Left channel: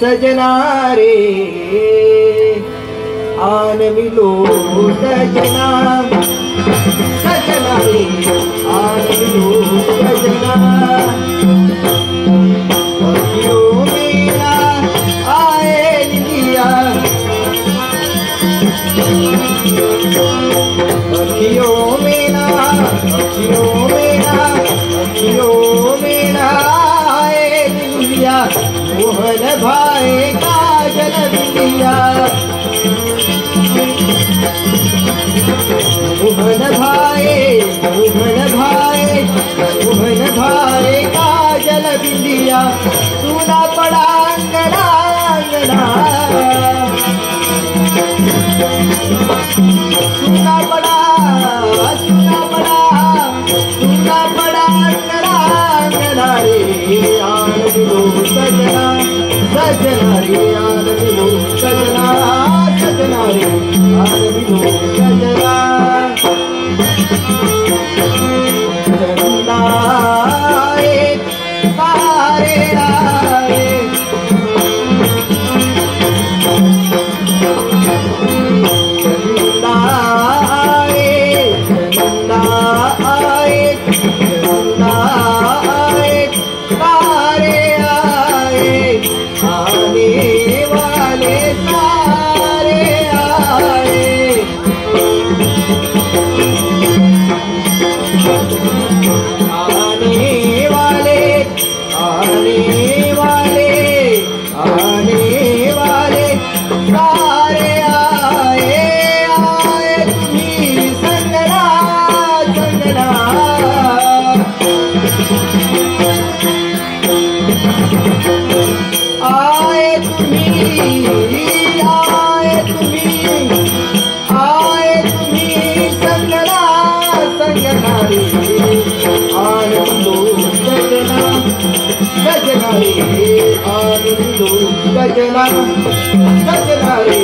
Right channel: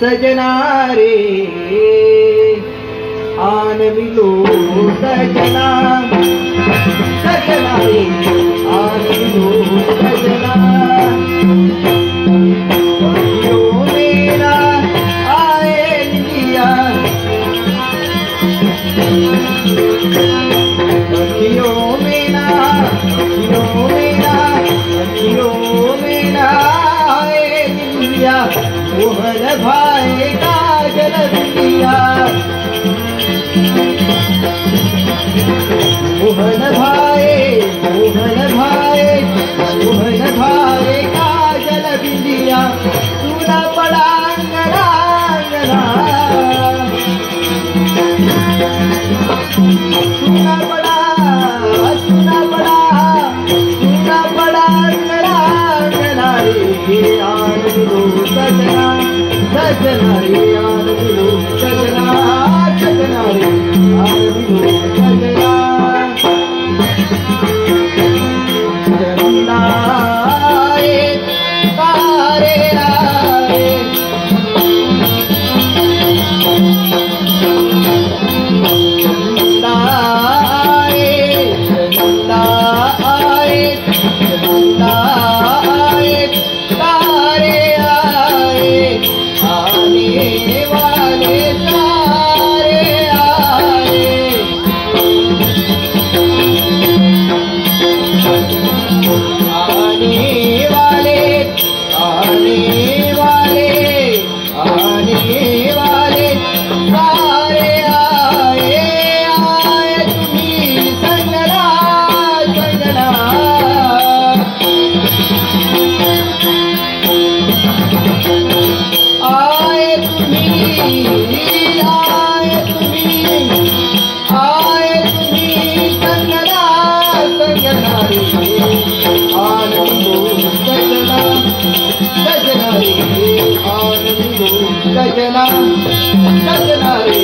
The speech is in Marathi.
सजना रे आन मिलो सजना, सजना रे आन मिलो सजना। अखियों में ना आए निंदिया, अखियों में ना, अखियों में ना, अखियों में ना आए निंदिया। मोहन भाई काजल बिंदिया, मोहन भाई, मोहन भाई, मोहन भाई काजल बिंदिया। सुना पड़ा अंगना अंगना, सुना पड़ा, सुना पड़ा, सुना पड़ा अंगना अंगना रे आन मिलो सजना, सजना रे आन मिलो सजना, सजना रे आन मिलो सजना। चंदा आए तारे आए, चंदा आए, चंदा आए, चंदा आए, तारे आए, आने वाले तारे आए। आने वाले, आने वाले, आने वाले तारे आए, आए तुम्ही संगना, संगना। आए तुम्ही, आए तुम्ही, आए तुम्ही संगना, संगना रे आन मिलो सजना, सजना रे आन मिलो सजना, सजना रे